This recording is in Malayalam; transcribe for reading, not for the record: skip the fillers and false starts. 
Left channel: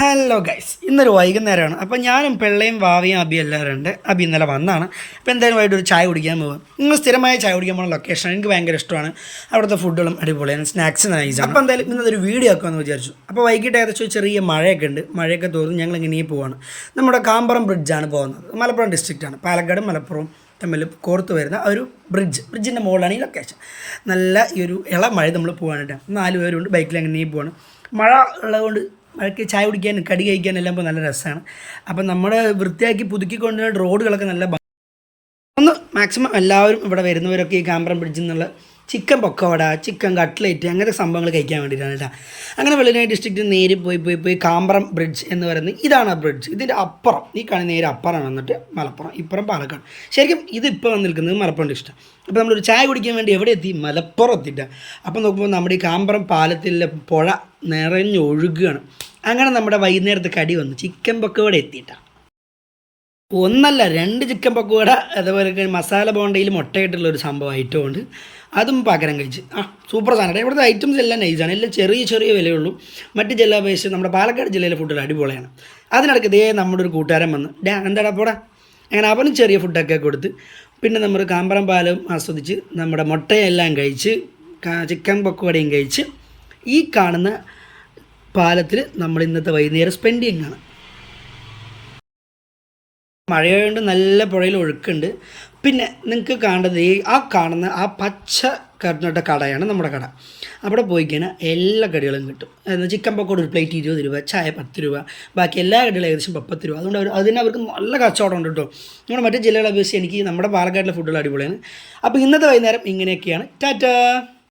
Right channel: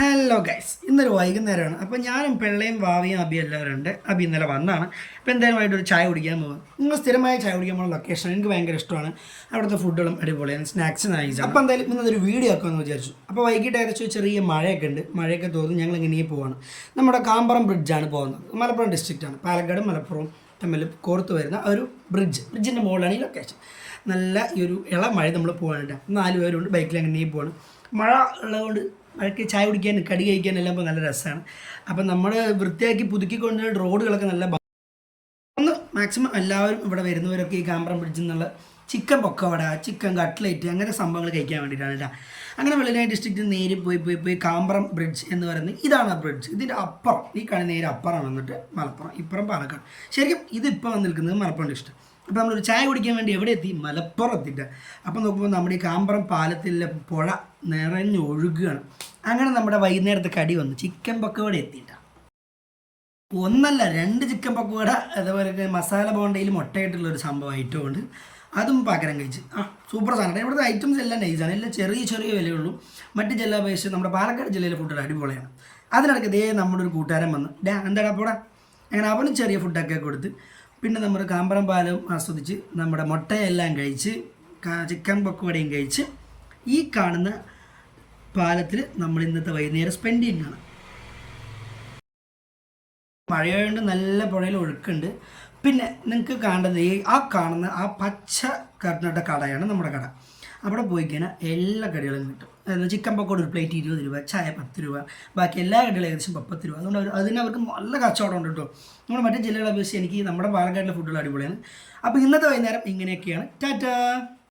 ഹലോ ഗൈസ്, ഇന്നൊരു വൈകുന്നേരമാണ്. അപ്പോൾ ഞാനും പിള്ളയും വാവിയും അബി എല്ലാവരും ഉണ്ട്. അബി ഇന്നലെ വന്നതാണ്. അപ്പോൾ എന്തായാലും വൈകിട്ട് ഒരു ചായ കുടിക്കാൻ പോകും. നിങ്ങൾ സ്ഥിരമായി ചായ കുടിക്കാൻ പോകുന്ന ലൊക്കേഷൻ എനിക്ക് ഭയങ്കര ഇഷ്ടമാണ്. അവിടുത്തെ ഫുഡുകളും അടിപൊളിയാണ്, സ്നാക്സ് നൈസാണ്. അപ്പോൾ എന്തായാലും ഇന്നതൊരു വീഡിയോ ആക്കുമെന്ന് വിചാരിച്ചു. അപ്പോൾ വൈകിട്ട് ഏകദേശം ചെറിയ മഴയൊക്കെ ഉണ്ട്. മഴയൊക്കെ തോന്നി ഞങ്ങൾ ഇങ്ങനെ പോവാണ്. നമ്മുടെ കാമ്പറം ബ്രിഡ്ജാണ് പോകുന്നത്. മലപ്പുറം ഡിസ്ട്രിക്റ്റാണ്. പാലക്കാടും മലപ്പുറവും തമ്മിൽ കോർത്ത് വരുന്ന ഒരു ബ്രിഡ്ജിൻ്റെ മുകളിലാണ് ഈ ലൊക്കേഷൻ. നല്ല ഈ ഒരു മഴ നമ്മൾ പോകാനായിട്ട് 4 പേരുണ്ട്. ബൈക്കിൽ അങ്ങനെ പോവാണ്. മഴ ഉള്ളതുകൊണ്ട് മഴയ്ക്ക് ചായ കുടിക്കാനും കടി കഴിക്കാനും എല്ലാം ഇപ്പോൾ നല്ല രസമാണ്. അപ്പം നമ്മൾ വൃത്തിയാക്കി പുതുക്കിക്കൊണ്ട് റോഡുകളൊക്കെ നല്ല ഒന്ന് മാക്സിമം എല്ലാവരും ഇവിടെ വരുന്നവരൊക്കെ ഈ കാമ്പറം ബ്രിഡ്ജിൽ നിന്നുള്ള ചിക്കൻ പൊക്കവട, ചിക്കൻ കട്ട്ലേറ്റ് അങ്ങനത്തെ സംഭവങ്ങൾ കഴിക്കാൻ വേണ്ടിയിട്ടാണ് കേട്ടോ. അങ്ങനെ വെള്ളിനാട് ഡിസ്ട്രിക്റ്റിൽ നേരെ പോയി കാമ്പറം ബ്രിഡ്ജ് എന്ന് പറയുന്നത് ഇതാണ് ആ ബ്രിഡ്ജ്. ഇതിൻ്റെ അപ്പുറം ഈ കാണുന്ന നേരെ അപ്പുറം വന്നിട്ട് മലപ്പുറം, ഇപ്പുറം പാലക്കാട്. ശരിക്കും ഇതിപ്പോൾ വന്ന് നിൽക്കുന്നത് മലപ്പുറം ഇഷ്ടം. അപ്പോൾ നമ്മളൊരു ചായ കുടിക്കാൻ വേണ്ടി എവിടെ എത്തി? മലപ്പുറം എത്തിയിട്ട്. അപ്പോൾ നോക്കുമ്പോൾ നമ്മുടെ ഈ കാമ്പറം പാലത്തിലെ പുഴ നിറഞ്ഞൊഴുകുകയാണ്. അങ്ങനെ നമ്മുടെ വൈകുന്നേരത്തെ കടി വന്നു, ചിക്കൻ പക്കോട എത്തിയിട്ടാണ്. ഒന്നല്ല 2 ചിക്കൻ പക്കോട, അതുപോലെ മസാല ബോണ്ടയിൽ മുട്ടയിട്ടുള്ളൊരു സംഭവം ഐറ്റം ഉണ്ട്. അതും പകരം കഴിച്ച് സൂപ്പർ സാധനം. ഇവിടുത്തെ ഐറ്റംസ് എല്ലാം നൈസാണ്, എല്ലാം ചെറിയ വിലയുള്ളൂ. മറ്റ് ജില്ലാ അപേക്ഷിച്ച് നമ്മുടെ പാലക്കാട് ജില്ലയിലെ ഫുഡുകൾ അടിപൊളിയാണ്. അതിനിടയ്ക്ക് ഇതേ നമ്മുടെ ഒരു കൂട്ടുകാരൻ വന്ന് എന്താടാ പോടാ, അങ്ങനെ അവനും ചെറിയ ഫുഡൊക്കെ കൊടുത്ത് പിന്നെ നമ്മൾ കാമ്പറം പാലവും ആസ്വദിച്ച് നമ്മുടെ മുട്ടയെല്ലാം കഴിച്ച് ചിക്കൻ പക്കോടയും കഴിച്ച് ഈ കാണുന്ന പാലത്തിൽ നമ്മൾ ഇന്നത്തെ വൈകുന്നേരം സ്പെൻഡ് ചെയ്യുന്നതാണ്. മഴയായതുകൊണ്ട് നല്ല പുഴയിൽ ഒഴുക്കുണ്ട്. പിന്നെ നിങ്ങൾക്ക് കാണേണ്ടത് കാണുന്ന ആ പച്ച കടന്നിട്ട കടയാണ് നമ്മുടെ കട. അവിടെ പോയി കഴിഞ്ഞാൽ എല്ലാ കടികളും കിട്ടും. ചിക്കൻ പക്കോട ഒരു പ്ലേറ്റ് 20 രൂപ, ചായ 10 രൂപ, ബാക്കി എല്ലാ കടികളും ഏകദേശം 10 രൂപ. അതുകൊണ്ട് അവർക്ക് നല്ല കച്ചവടം ഉണ്ട് കേട്ടോ. നമ്മുടെ മറ്റു ജില്ലകളെ അപേക്ഷിച്ച് എനിക്ക് നമ്മുടെ പാലക്കാട്ടിലെ ഫുഡുകൾ അടിപൊളിയാണ്. അപ്പോൾ ഇന്നത്തെ വൈകുന്നേരം ഇങ്ങനെയൊക്കെയാണ്. ടാറ്റാ.